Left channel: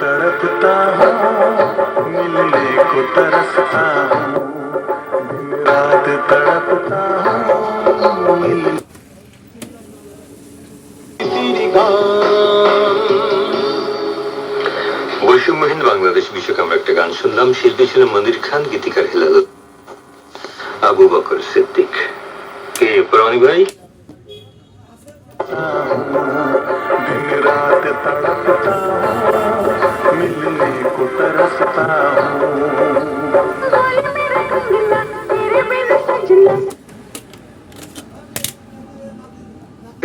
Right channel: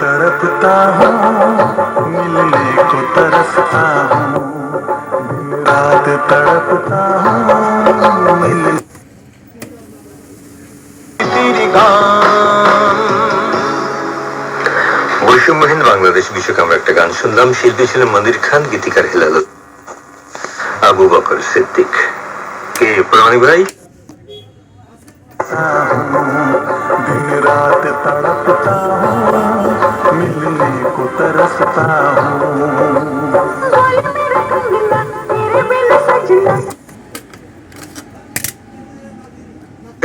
तड़पता हूँ मिलने को तरसता हूँ रात तड़पता हूँ मिलने বৈষম্যহীন বাংলাদেশ বিষয়ক আমরা একটা গান শুনলাম। শিল্পী ছিলেন মনির খান, গীতিকার হেলাল আবু বকর সিদ্দিক। কে প্রমাণী ভাই? दिन रात तड़पता हूँ मिलने को तरसता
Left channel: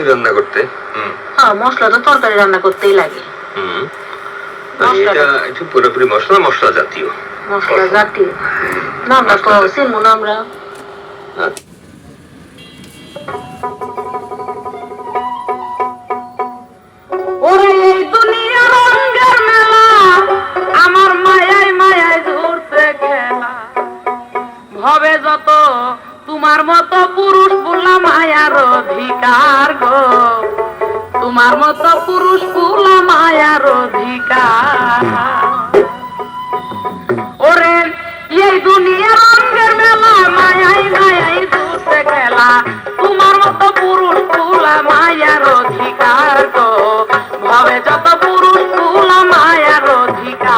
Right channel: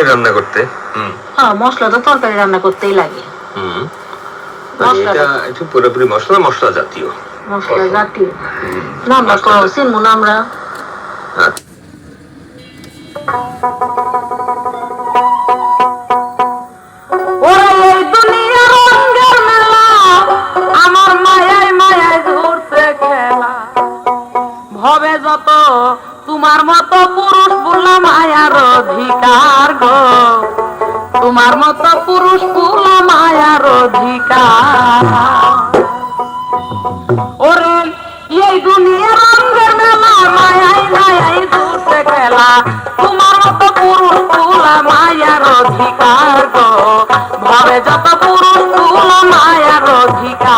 রান্না করতে মশলা তো তরকারি রান্না করতেই লাগে। এটা একটু পুরোপুরি মশলা মশলা জাতীয় মশলা জাতীয় রান্না চিনবো না আমরা। আমার মায়াই মায়াই ঘুরছে খেলা ভবে যত তোমার মতো পুরুষ বললাম মায়ার অধিকার গো, তোমার মতো পুরুষ বললাম মায়ার অধিকার। ওরে এই দুনিয়ার রঙের মেলা মায়াই মায়াই ঘুরছে খেলা তোমার মতো পুরুষ বললাম মায়ার অধিকার গো, ভবে যত পুরুষ বললাম মায়ার অধিকার।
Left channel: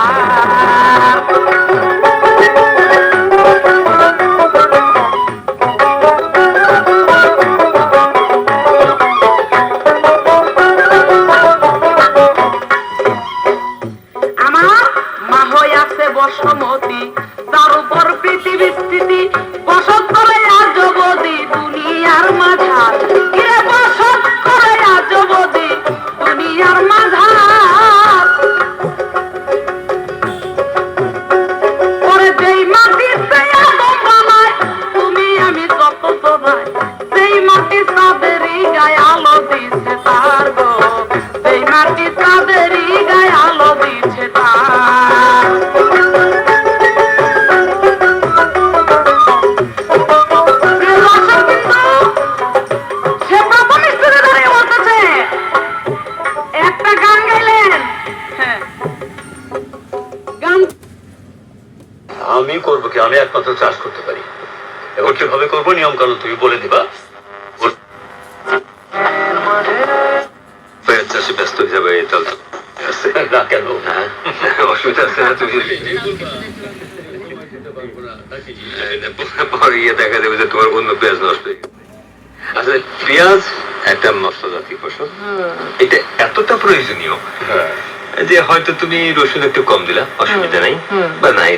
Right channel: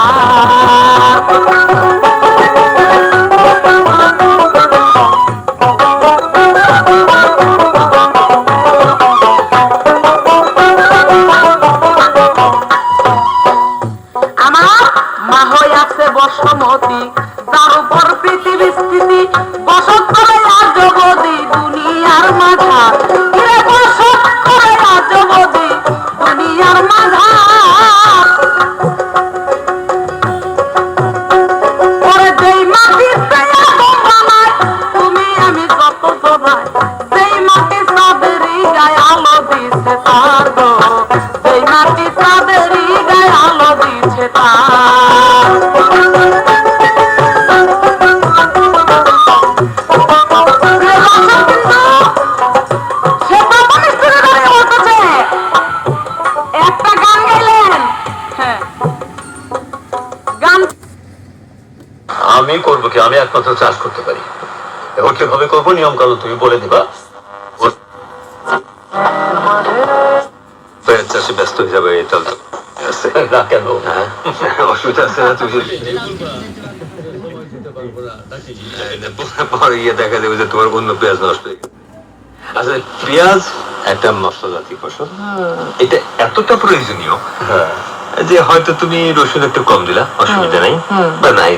বসমতি তার উপর পৃথিবী স্থিতি বসত করে আজ জগদি দুনিয়ার মাঝার বসত করে আজ জগদি দুনিয়ার মাঝার। ওরে যেই মাটি বানায় তুমি আমি যত জোড়ায় সেই মাটি তাদেরই গায়ে আলো দিচ্ছে তার গো, সেই মাটি তাদেরই গায়ে আলো দিচ্ছে তার। আমি করবো কি? আমি একমাত্র চাষ করতে পারি। এখন কিভাবে করবো নিয়ম কানুন তুমি বলে দিবা। চাষে ব্যস্ত হয়ে যাবে না কেন? অসুবিধা আছে না? তুমি ইয়ে দেখা যাবে যে তোমার অন্য পেঁয়াজ নষ্ট হয়ে গেছে। আচ্ছা, পেঁয়াজ একটা মশলা জাতীয় ফসল, এটা এতটা প্রয়োজনীয় যে হয়তো তুমি রসুন একটু কম দিলা, অসুবিধা নাই, বা নাই